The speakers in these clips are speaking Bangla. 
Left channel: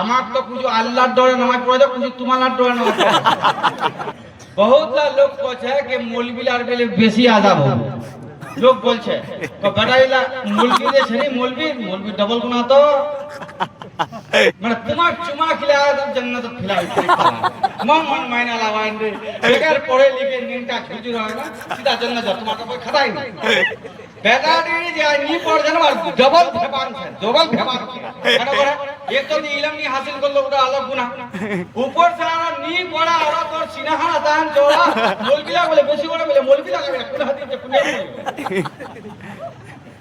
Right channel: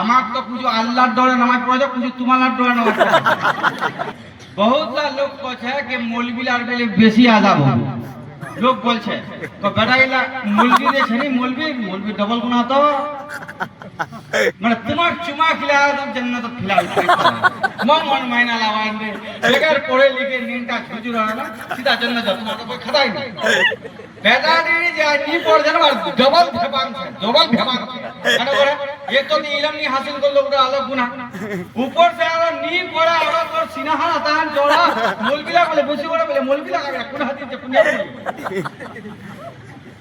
আমার তো পুজো আল্লাহর ডরে নামাজ পড়ে, পুজো তোমার ডরে নামাজ পড়ে। বহুতটা লোক বলছে যে মৌলবিলার বেলে বেশি আযাব হবে। লোক বলছে তো বেটাইলা মৌলবি যে ছেনি মৌলবি ডবল গুনাহ তো মানে তোমার চুমা খিলায় তো জান্নাত খিলায় মন মাইনা লাগান দে বেকার পড়ে লিখে নিমটা খুঁজু রहा না সিধা জান্নাত যা তোমাকে कोई খাতাই না বেটারি যে নি পড়ছে না ডবল ভেবান আছে কেন করে এক তো ইলম নি হাসিল করলো ওটা আলাদা গুনাহ উপর से আর নি পড়া আর তোর সিনাহা তান জোড়া মৌলবিলা বলে বসি বলে মৌলবিলা করে কোন হাদিস কোন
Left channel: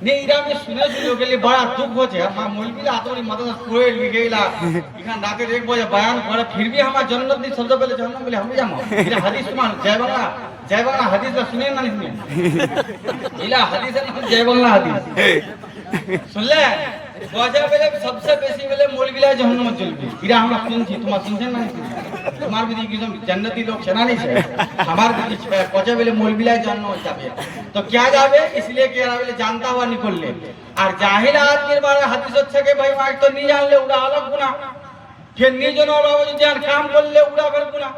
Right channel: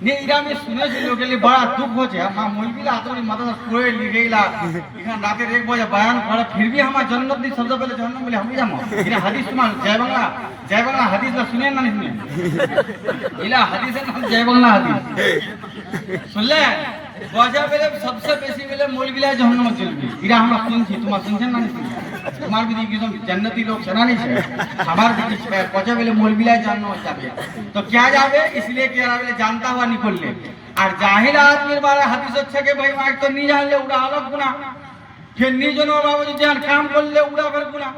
ने इरा में सुने के लिए बड़ा दुख हो छे हम मौलवी आतरी मदद कोई लिगेला इखान रात 1 बजे बयान करे फिर भी हम जन्नत दी शब्द पहले जन्नत बोले हम जामो इरा हदीस मान जय बांग्ला हदीस ला सुने ना नहीं इला हदीस ना जय बांग्ला हदीस सुन ले बजा पहले सबसे बेसी पहले मौलवी ला जहन्नम चलबी इरा हमरा सुनছি তোমার শুনছেন না তোমার বিধি একদম জান্নাতি লোক সেনা नहीं है हमार विधि बजा पहले मौलवी ला जहन्नम जाबे तो क्या जाबे इसलिए कि यार जानता हुआ निकल ले और जाहिल आदमी बारे हदीस হচ্ছে कि भाई मार तो नहीं जानले उड़ा अलग गुनाह फिर निजन और बाबू जान काम করলে उड़ा फिर गुनाह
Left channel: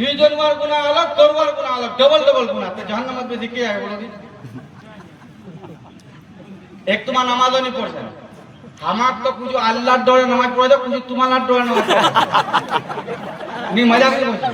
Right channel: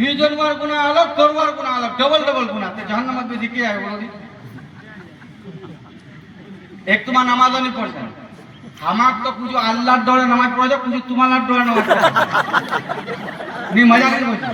निजन और गुनाह अलग तोरवार गुनाह अलग डबल गुनाह तो जहन्नम में बेसी क्या है बोलो दी एक तुम्हारा नामाज नहीं पढ़ছেন আমার তো পুজো আল্লাহর ডরে নামাজ পড়ে পুজো তোমার ডরে নামাজ পড়ে নি মজা করে বলছি